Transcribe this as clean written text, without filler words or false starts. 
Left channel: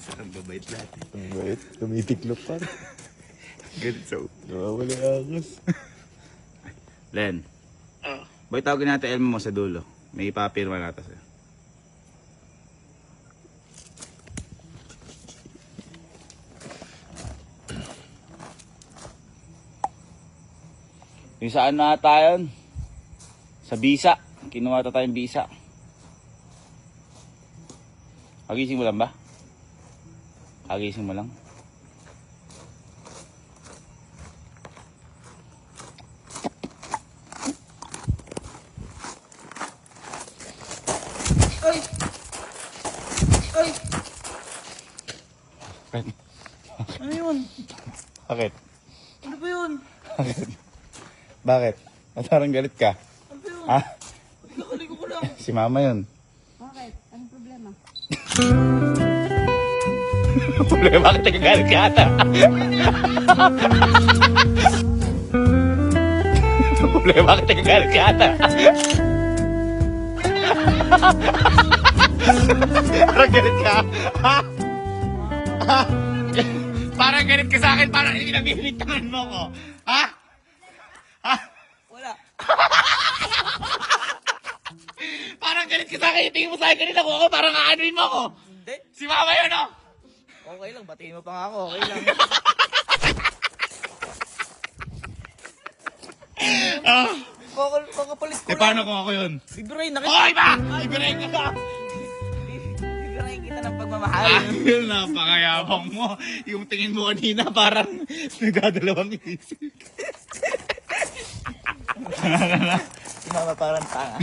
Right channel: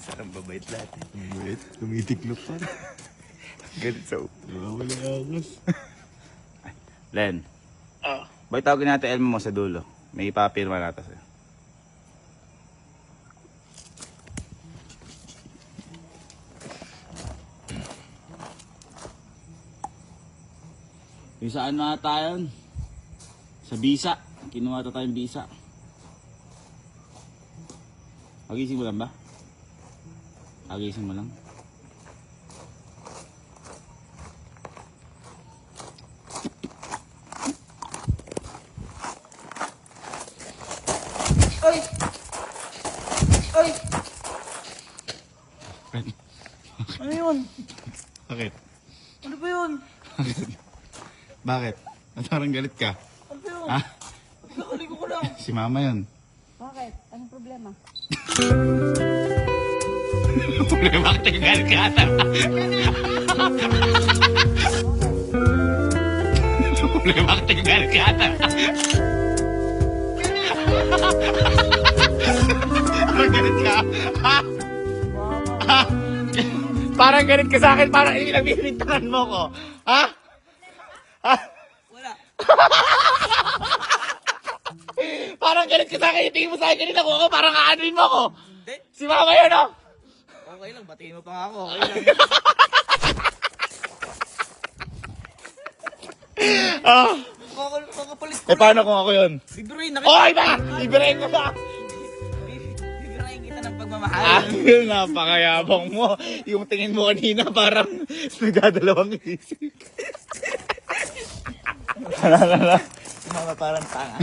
Saan babait lahat eh. Mabait, tumitiklop ka. Ganit sa Wala agos. Len, Oh. bakit tawagin natin Elmo mo sa dulo? May ipapirma natin sa'yo. Yung saan na tayo? Sa bisa. Kinuha na tayong bisa. Agising mo lang ba? Agising mo lang? Ay! Ay! Ano yun? Bakit? Ano ba yun? Bakit? At parang galit ka? Ano ba yun? Ha? Nakaligo ko lang. Si mama yun. Bakit? Anong problema? Problema ka galit ka ata. Problema ka galit ka ata. Parang galit ka. Ha? Ha? Parang galit ka sa akin. Parang inilabibintangan mo ko. Ha? Ha? Wala. Parang galit ka sa akin. Tingin mo sa akin kanina ko. Parang aanuin mo ko. Hindi. Si mama yun, oh. Okay lang. Batiin mo pa nga ako. Okay lang. Ah. Kakapalit ko Eh, paano kung ako yun? Bibirayin na kita. Oy, ba? Ibirahin ka ba? Bibirayin kita ng pagmamahal. Napakayabang mo. Yung tingin mo kanina parang nagdadalawang isip. Si mama parang tanga.